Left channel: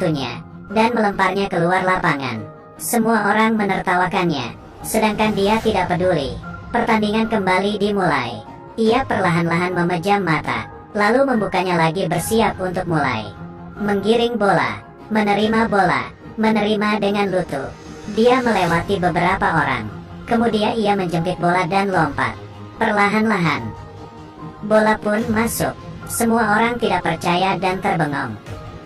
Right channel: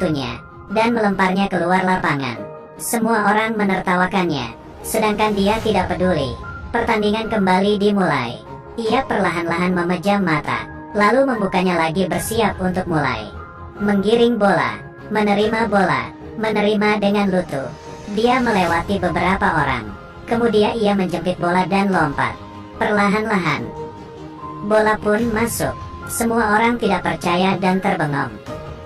sepatunya dan melemparnya keluar lapangan. Semua orang menertawakannya, sedangkan dia tidak peduli. Pertandingan kembali dimulai. Ia perlahan-lahan memejam mata, lalu membukanya lagi bersiap untuk mulai. Menggiring bola, menerima bola, menerima dengan lutut. Dia melewati beberapa orang. Kemudian ia menjemput bola dan lompat. Perlahan-lahan, bola pun masuk. Semua orang tidak percaya dan terbengong.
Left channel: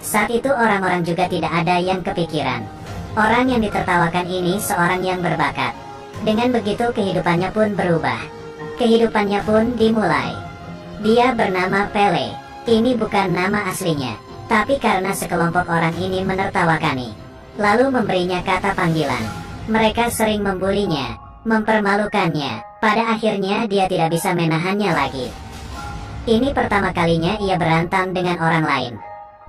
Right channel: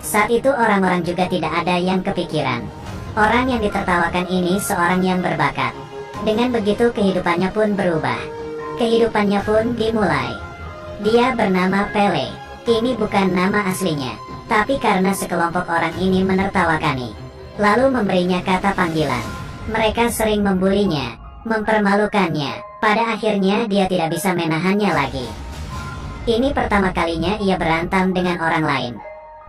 Saat itu orang-orang juga tidak ada yang kepikiran. Orang yang ditertawakan ini seorang yang berbakat. Dengan begitu kehidupannya pun berubah. Kehidupannya pun dimulai. Dia bernama Pele. Ini bukan nama aslinya, tapi karena sekelompok orang ini menertawakani, lalu memberinya kata panggilan. Mereka sering membulinya, mempermalukannya. Pada akhirnya dia tidak bisa menahannya lagi. Ini pertama kalinya ia berantem dengan orang lain.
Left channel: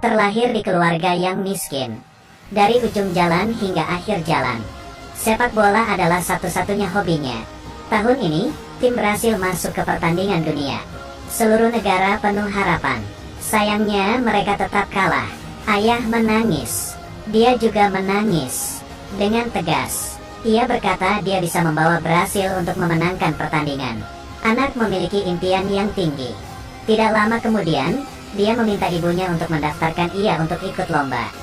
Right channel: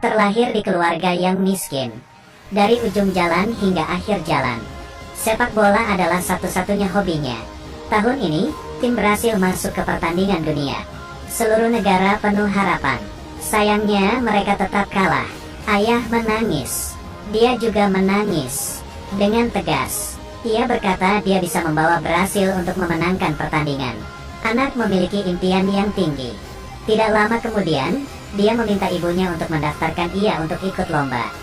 Terlahir di keluarga yang miskin. Dari ujung jalan hingga akhir jalan, sepak bola adalah satu-satunya hobinya. Tahun ini, tim berhasil masuk ke pertandingan dunia. Seluruh negara penuh harapan. Sayangnya mereka tetap kalah. Ayah menangis. Dia juga menangis. Dengan tegas, ia berkata dia bisa membawa Brasil untuk memenangkan pertandingan. Anak memiliki impian yang tinggi. Tidak lama kemudian, dia meminta ibunya untuk mendaftarkan ia untuk ikut lomba.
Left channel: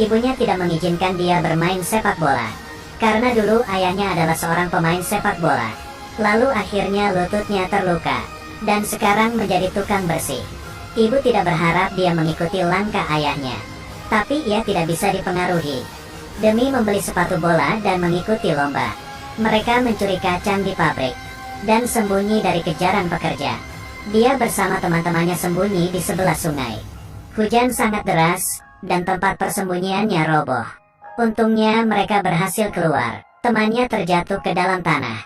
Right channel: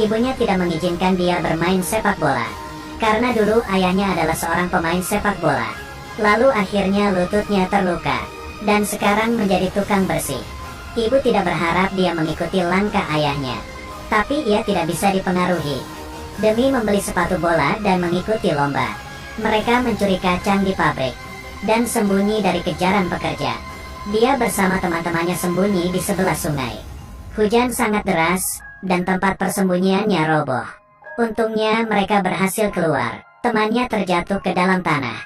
Ibunya tidak mengizinkan dia bermain sepak bola, karena dulu ayahnya adalah seorang pemain sepak bola. Lalu akhirnya lututnya terluka, dan sekarang menjadi tukang bersih. Ibu tidak berharap dia mengikuti langkah ayahnya, tapi ia tidak bisa dipengaruhi. Demi membeli sepatu bola dan mengikuti lomba, mereka mencuri kacang di pabrik, dan sembunyi dari kejaran pekerja. Dia bersama teman-temannya sembunyi di sebelah sungai. Hujan sangat deras, dan tempat persembunyiannya roboh. Untungnya mereka berhasil keluar. Temannya terjatuh ke dalam tanah.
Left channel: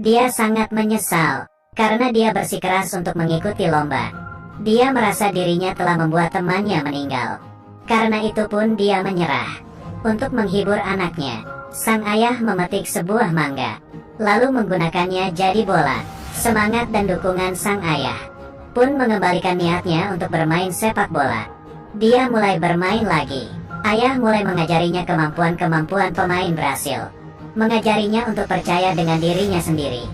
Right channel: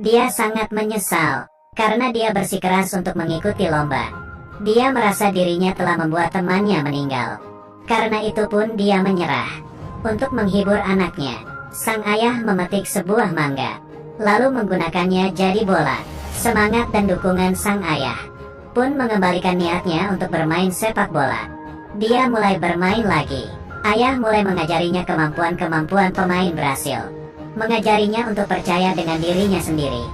Dia sangat menyesal, karena dia bersikeras untuk mengikuti lomba. Dia merasa dirinya telah membuat temannya meninggal. Karena itu pun dia menyerah. Untuk menghibur anaknya, sang ayah memetik sebuah mangga, lalu menggunakannya jadi bola. Semangat dan dukungan sang ayah pun mengembalikan niatnya untuk bermain sepak bola. Dia mulai bermain lagi. Ayah mulai mengajarinya kemampuan-kemampuan pemain Brasil. Mengajarinya untuk percaya dengan dirinya sendiri.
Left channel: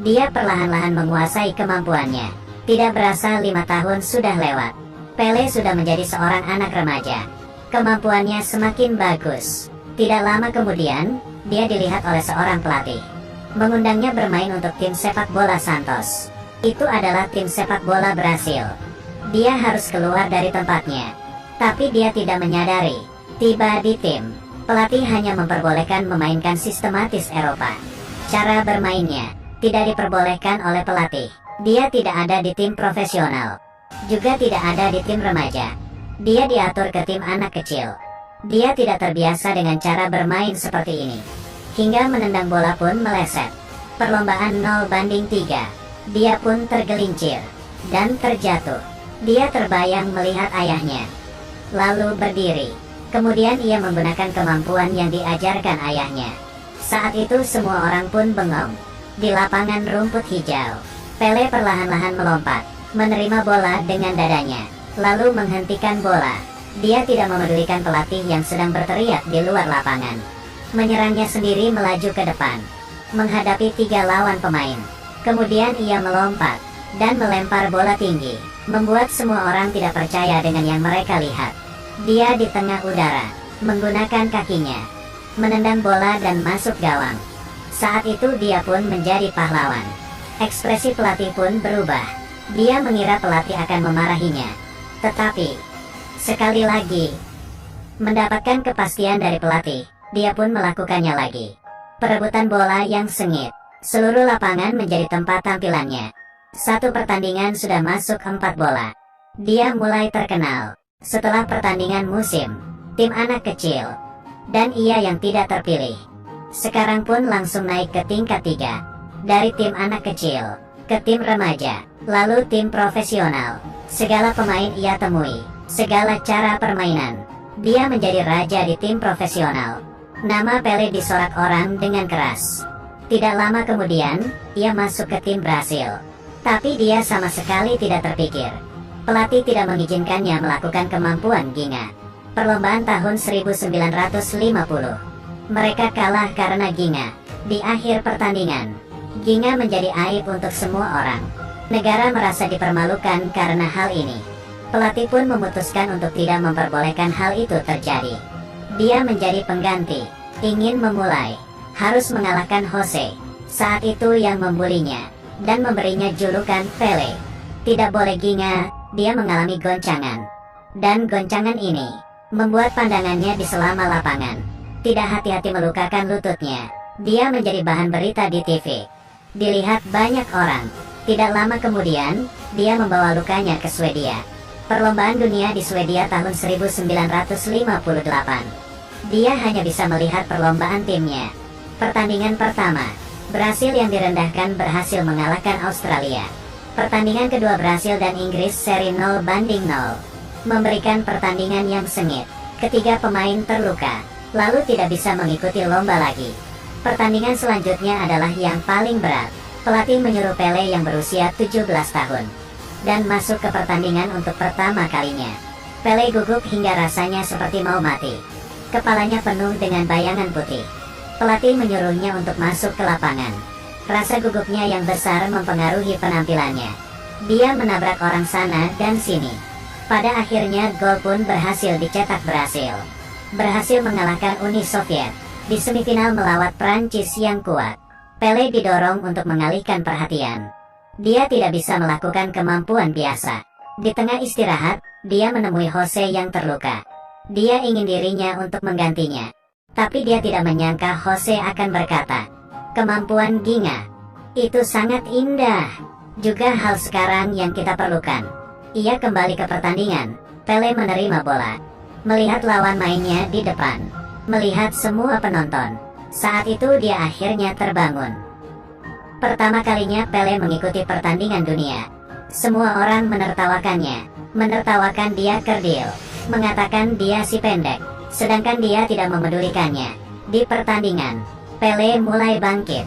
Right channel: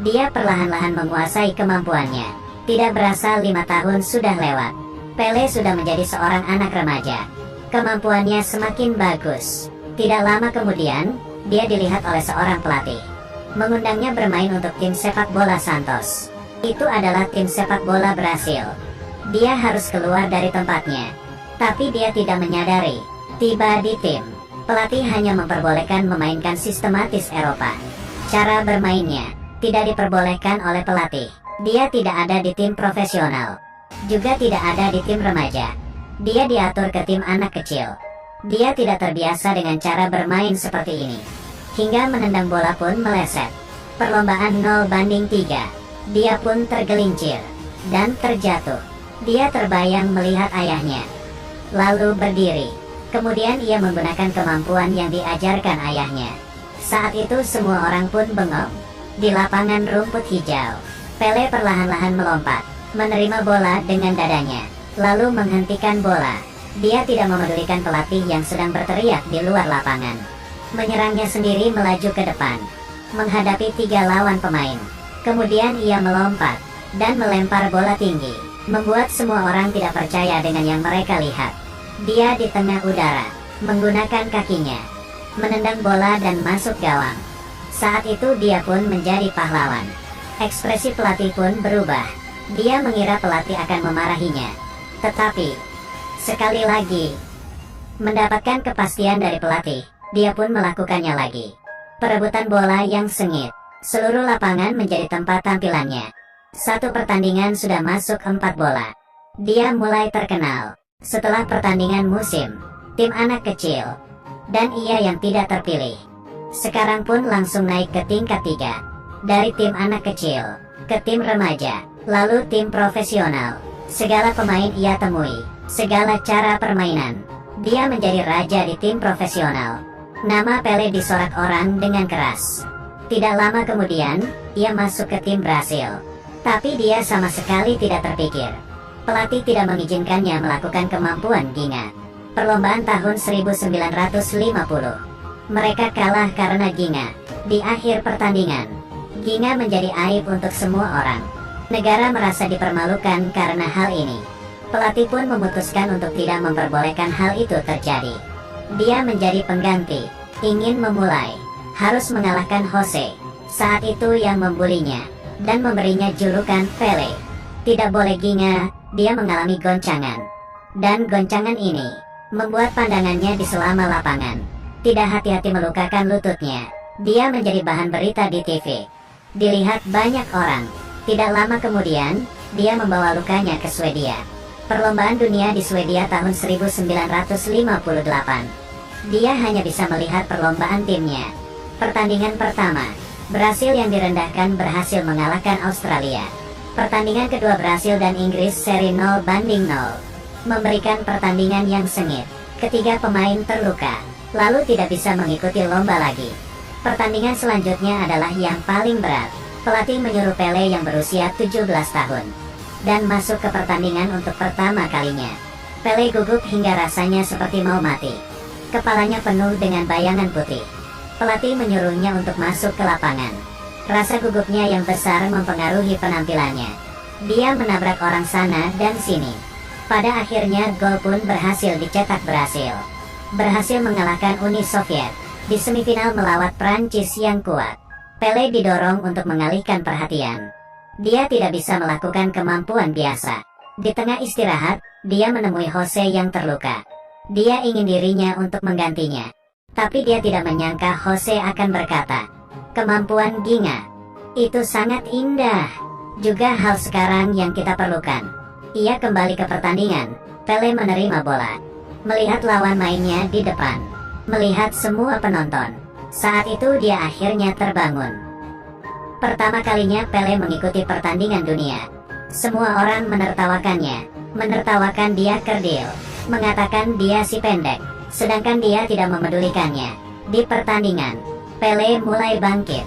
Dia perlahan-lahan menguasai kemampuannya. Tidak berasa 5 tahun sudah lewat. Pele sudah menjadi seorang anak remaja. Kemampuannya semakin bagus. Tidak lama kemudian, dia dilihat oleh seorang pelatih. Mengundangnya bermain untuk tim sepak bola Santos. Itu adalah tim sepak bola Brasil. Dia harus keluar dari tempatnya. Tapi dia tidak menyadari. Tiba di tim, pelatih hanya memperbolehkan memainkan sistematis Eropa. Cara bermainnya tidak diperbolehkan oleh pelatih. Dia tidak ada di tim profesional. Juga tidak ada di tim remaja. Dia diatur ke tim anak kecil. Dia tidak terbiasa dengan cara bermain seperti ini. Hingga menendang bola pun meleset. Perlombaan 0-3. Dia pun tergelincir dan terjatuh. Dia terbayang melihat ayahnya, lalu berdiri. Kemudian ia menggunakan kemampuan yang diajarkan ayahnya. Saat itu semua orang pun bengong. Di lapangan rumput hijau, Pele perlahan-lahan melompat, menerima bola dengan dadanya, lalu menghentikan bola. Dia tidak memedulikan pelatih yang sedang berteriak di luar lapangan. Menyerangnya sendiri melaju ke depan, menghadapi 3 lawan pemain. Kemudian ia melompat dan melempar bola tinggi, membuat semua orang tidak percaya dengan yang mereka lihat. Dia di tengah udara, menggunakan kakinya, menendang bola dan masuk gawang. Saat itu dia pun menjadi pahlawan. Ekspresi pelatih pun berubah. Dia mengira pelatih akan memarahinya. Tetapi, sekali lagi, mendapatkan kepastian dari pelatih, dia pun melakukannya lagi. Perebutan bola yang sengit. Seluruh lapangan menjadi tempat tampilannya. Satu pertandingan sudah masuk 4 bola. Dia mulai terkenal. Setelah pertandingan musim, tim anak kecil, dan ia yang tidak terpilih. Sekarang pun langsung naik ke tingkat 3. Dari tim anak kecil, ke tim remaja, lalu tim profesional. Segala pemain ia temui, segala cara permainan. Dia menjadi raja di tim profesional. Nama Pele disorak orang dengan keras. Tidak lama kemudian, ia masuk ke tim Brasil. Tapi dia sama sekali tidak terpikir Pelatih tidak mengizinkannya melakukan kemampuan Ginga. Perlombaan tahun 1950. Mereka kalah karena Ginga. Di akhir pertandingan, Ginga menjadi aib untuk semua orang. Negara merasa dipermalukan karena hal ini. Pelatih pun memutuskan untuk tidak memperbolehkan hal itu terjadi. Dia menjadi pengganti, ingin memulai, harus mengalahkan Jose. Saat itu yang membulinya, dan memberinya julukan Pele. Tidak boleh Ginga, dia mengalami goncangan. Dan goncangan ini membuat pandangannya di selama lapangan. Tidak hati-hati melukakan lututnya. Dia menjadi bahan berita di TV. Dilihat banyak orang. Tidak lama kemudian, dia membawa lukanya ke Swedia. Perlombaan dunia di Swedia tahun 1958. Dia hanya bisa melihat perlombaan timnya. Pertandingan pertama, Brasil yang direndahkan berhasil mengalahkan Australia. Pertandingan kedua Brasil dan Inggris seri 0-0. Memberikan pertandingan yang sengit. Ketiga pemain terluka, lalu tidak bisa mengikuti lomba lagi. Pertandingan selanjutnya adalah yang paling berat. Pelatih menyuruh Pele yang berusia 17 tahun. Dan masuk ke pertandingan untuk pertama kalinya. Pele gugup hingga rasanya seperti mau mati. Kepalanya penuh dengan bayangan putih. Pelatih menyuruhnya untuk masuk ke lapangan. Rasa gugupnya yang besar mempengaruhi penampilannya. Dia menabrak orang sana dan sini. Pada akhirnya gol pun berhasil dicetak Brasil. Berhasil mengalahkan Uni Soviet di semifinal melawat Prancis yang kuat. Pele didorong untuk mengalihkan perhatian. Dia tidak bisa melakukan kemampuan biasa. Di tengah istirahat, dia menemui Jose yang terluka. Dia ingin dirinya untuk menggantinya. Tapi dia tidak menyangka Jose akan berkata, "Kemampuan Ginga itu sangat indah. Juga hal sekarang yang kita perlukan." Ia kembali ke pertandingan. Pele menerima bola. Melihat lawan mainnya di depan. Melihat semua penonton. Saat itu dia akhirnya terbangun. Pertama kalinya Pele mengikuti pertandingan dunia. Semua orang menertawakannya. Menertawakan dia kerdil. Mengatakan dia si pendek. Sedangkan dia tidak memedulikannya. Di pertandingan, Pele mulai bangkit.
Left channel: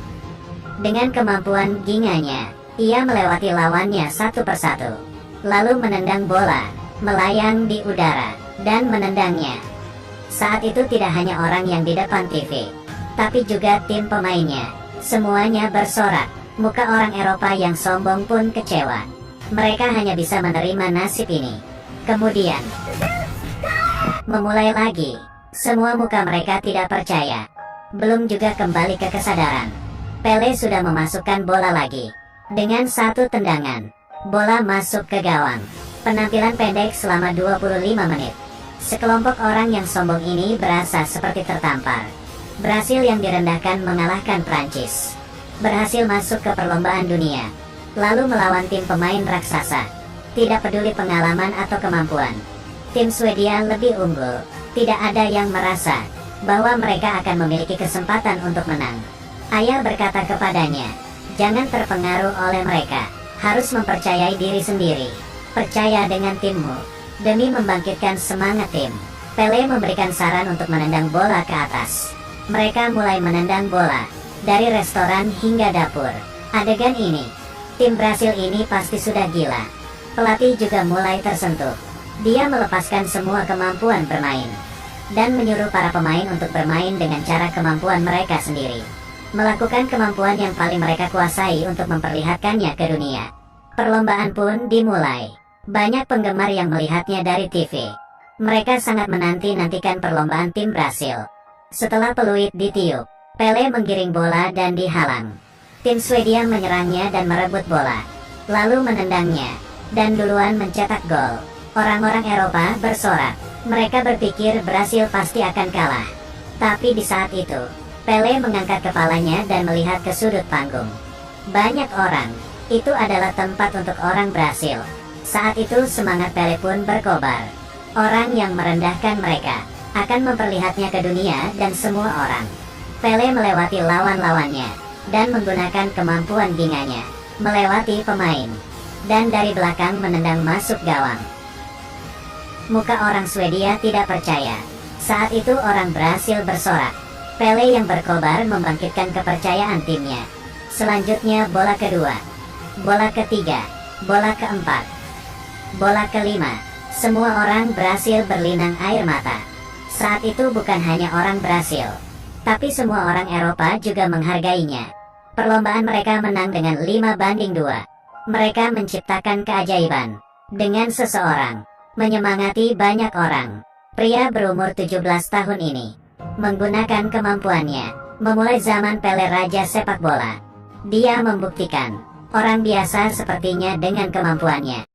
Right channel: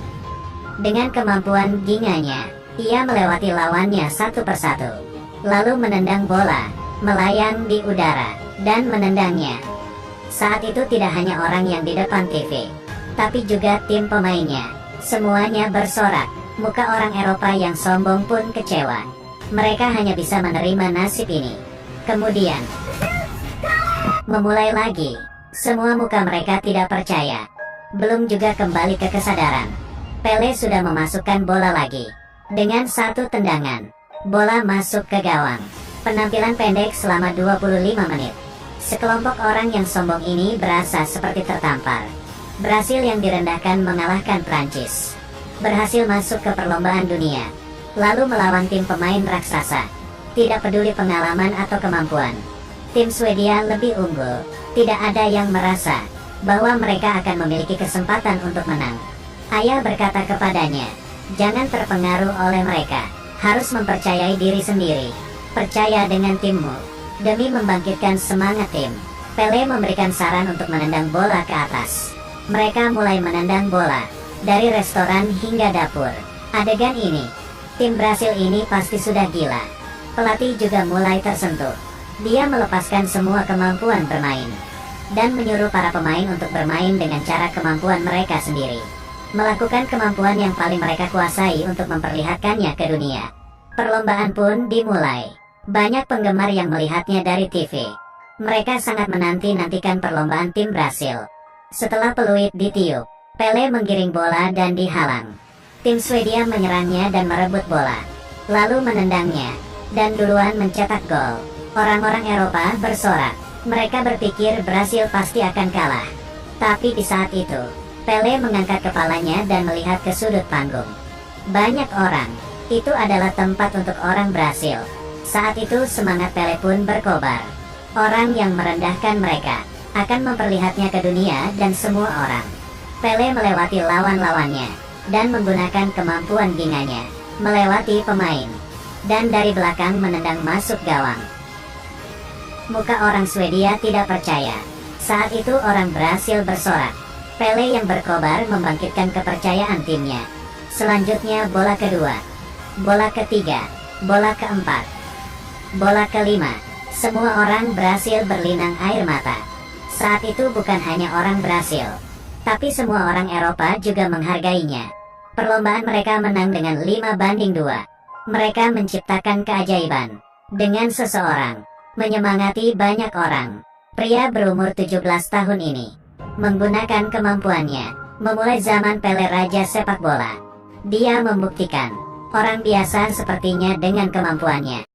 Dengan kemampuan ginganya, ia melewati lawannya satu persatu. Lalu menendang bola, melayang di udara, dan menendangnya. Saat itu tidak hanya orang yang di depan TV, tapi juga tim pemainnya. Semuanya bersorak. Muka orang Eropa yang sombong pun kecewa. Mereka hanya bisa menerima nasib ini. Kemudian, memulai lagi. Semua muka mereka tidak percaya. Belum juga kembali ke kesadaran. Pele sudah memasukkan bola lagi. Dengan satu tendangan, bola masuk ke gawang. Penampilan pendek selama 25 menit. Sekelompok orang yang sombong ini berasa seperti tertampar. Brasil yang direndahkan mengalahkan Prancis. Berhasil masuk ke perlombaan dunia. Lalu melawan tim pemain raksasa. Tidak peduli pengalaman atau kemampuan. Tim Swedia lebih unggul. Tidak ada yang merasa bahwa mereka akan memiliki kesempatan untuk menang. Ayah berkata kepadanya, "Jangan terpengaruh oleh mereka. Harus mempercayai diri sendiri. Percaya dengan timmu." Demi membangkitkan semangat tim, Pele memberikan saran untuk menendang bola ke atas. Mereka mulai menendang bola, dari restoran hingga dapur. Adegan ini, tim Brasil ini pasti sudah gila. Pelatih juga mulai tersentuh. Dia melepaskan semua kemampuan bermain, dan menyuruh para pemain untuk bermain dengan cara kemampuan mereka sendiri. Melakukan kemampuan yang paling mereka kuasai untuk memperlihatkannya ke dunia. Perlombaan pun dimulai. Banyak penggemar yang melihatnya dari TV. Mereka sangat menanti-nantikan perlombaan tim Brasil. Setelah peluit ditiup, Pele menggiring bola dan dihalang. Tim Swedia menyerangnya dan merebut bola, lalu menendangnya, dan duluan mencetak gol. Orang-orang Eropa bersorak. Mereka berpikir Brasil pasti akan kalah. Tapi di saat itu, Pele mengangkat kepalanya dan melihat ke sudut panggung. Banyak orang. Itu adalah tempat untuk orang Brasil. Saat itu semangat Pele pun berkobar. Orang yang merendahkan mereka akan memperlihatnya ke dunia dan semua orang. Pele melewati lawan-lawannya dan menggunakan kemampuan ginganya, melewati pemain, dan dari belakang menendang masuk gawang. Muka orang Swedia tidak percaya. Saat itu orang Brasil bersorak. Pele yang berkobar membangkitkan kepercayaan timnya. Selanjutnya bola kedua, bola ketiga, bola keempat. Bola kelima. Semua orang Brasil berlinang air mata. Saat itu bukan hanya orang Brasil, tapi semua orang Eropa juga menghargainya. Perlombaan mereka menang dengan 5-2. Mereka menciptakan keajaiban dengan seseorang menyemangati banyak orang. Pria berumur 17 tahun ini menggunakan kemampuannya memulai zaman Pele Raja sepak bola. Dia membuktikan orang biasa sepertinya dengan kemampuannya